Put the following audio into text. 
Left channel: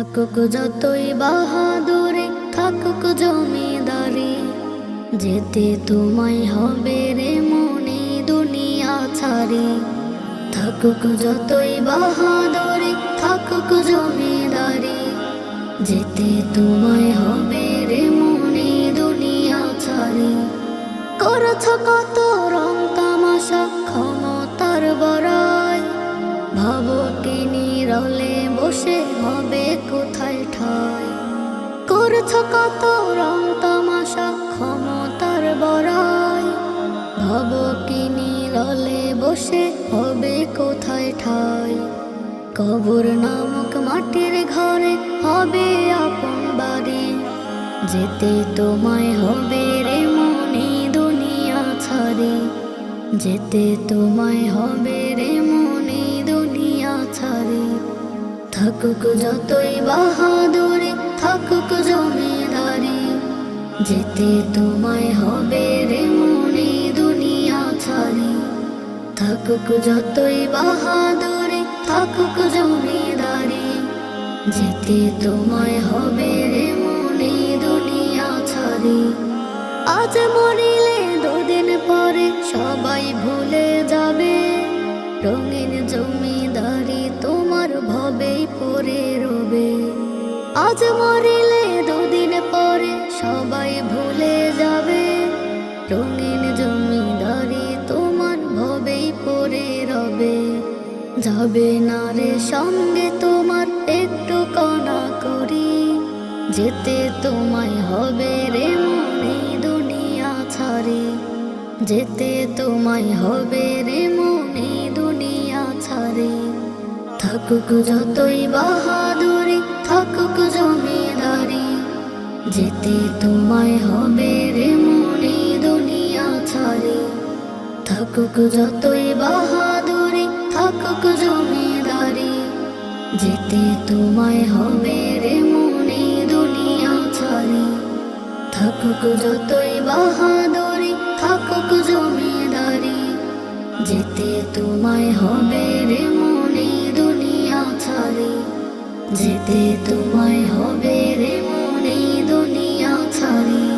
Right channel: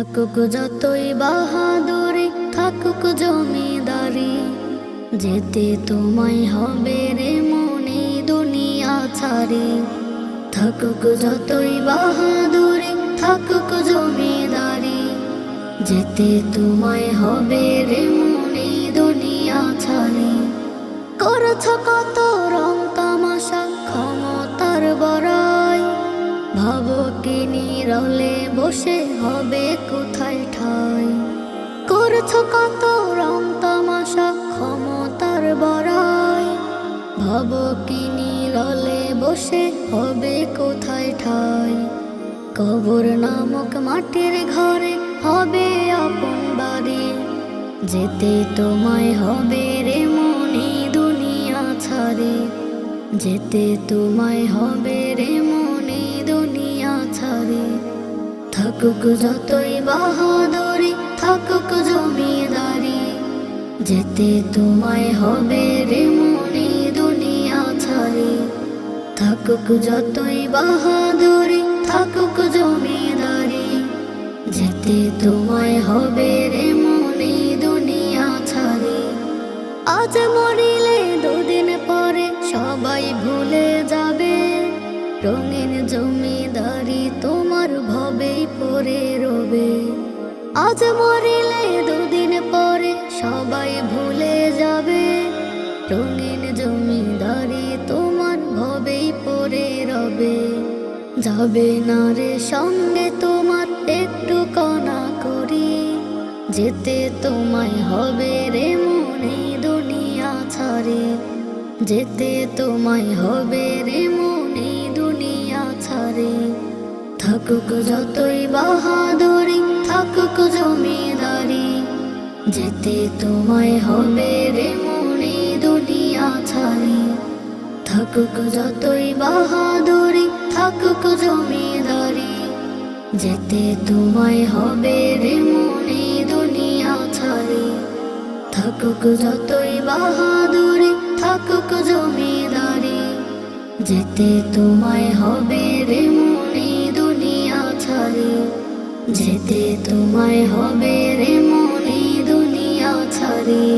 থাকুক যতই বাহাদুরি, থাকুক জমিদারি, যেতে তোমায় হবে রে মনে দুনিয়া ছাড়ি। থাকুক যতই বাহাদুরি, থাকুক জমিদারি, যেতে তোমায় হবে রে মনে দুনিয়া ছাড়ি। করছ কত রং তামাশা ক্ষমতার বড়াই, ভাবো কি নীরলে বসে হবে কোথায় ঠাই। করছ কত রং তামাশা ক্ষমতার বড়াই, ভাবো কি নীরলে বসে হবে কোথায় ঠাই। কবর নামক মাটির ঘরে হবে আপন বাড়ি, যেতে তোমায় হবে রে মনে দুনিয়া ছাড়ি। যেতে তোমায় হবে রে মনে দুনিয়া ছাড়ি। থাকুক যতই বাহাদুরি, থাকুক জমিদারি, যেতে তোমায় হবে রে মনে দুনিয়া ছাড়ি। থাকুক যতই বাহাদুরি, থাকুক জমিদারি, যেতে তোমায় হবে রে মনে দুনিয়া ছাড়ি। আজ মরিলে দুদিন পরে সবাই ভুলে যাবে, রঙিন জমিদারি তোমার ভবেই পড়ে রবে। আজ মরিলে দুদিন পরে সবাই ভুলে যাবে, রঙিন জমিদারি তোমার ভবেই পড়ে রবে। যাবে না রে সঙ্গে তোমার একটু কণা করি, যেতে তোমায় হবে রে মনে দুনিয়া ছাড়ি। যেতে তোমায় হবে রে মনে দুনিয়া ছাড়ি। থাকুক যতই বাহাদুরি, থাকুক জমিদারি, যেতে তোমায় হবে রে মনে দুনিয়া ছাড়ি। থাকুক যতই বাহাদুরি, থাকুক জমিদারি, যেতে তোমায় হবে রে মনে দুনিয়া ছাড়ি। থাকুক যতই বাহাদুরি, থাকুক জমিদারি, যেতে তোমায় হবে রে মনে দুনিয়া ছাড়ি। যেতে তোমায় হবে রে মনে দুনিয়া ছাড়ি।